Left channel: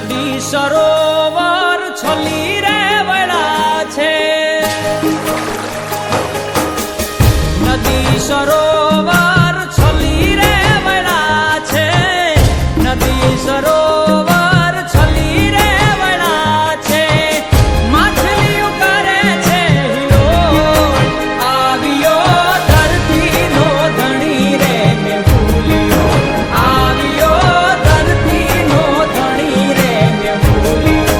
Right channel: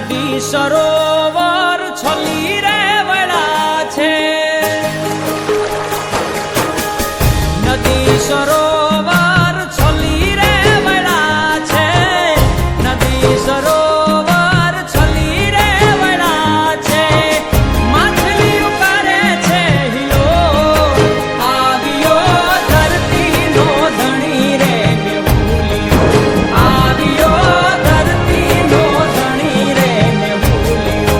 નદી સરોવર છલી રે વળા છે, નદી સરોવર છલી રે વળા છે, નદી સરોવર છલી રે વળા છે, માછલીઓ કરે છે હિલો, આવ્યો ધરતીનો ધણી રે મેં ભૂલ્યો, આવ્યો ધરતીનો ધણી રે મેં ભૂલ્યો.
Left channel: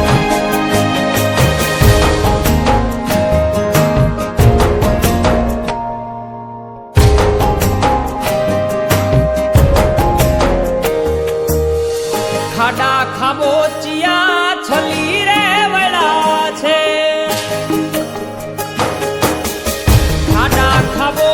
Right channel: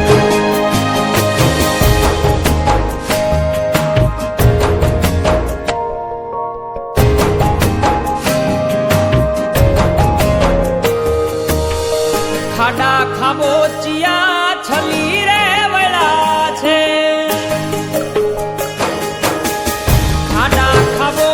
ખાડા ખાબોચિયા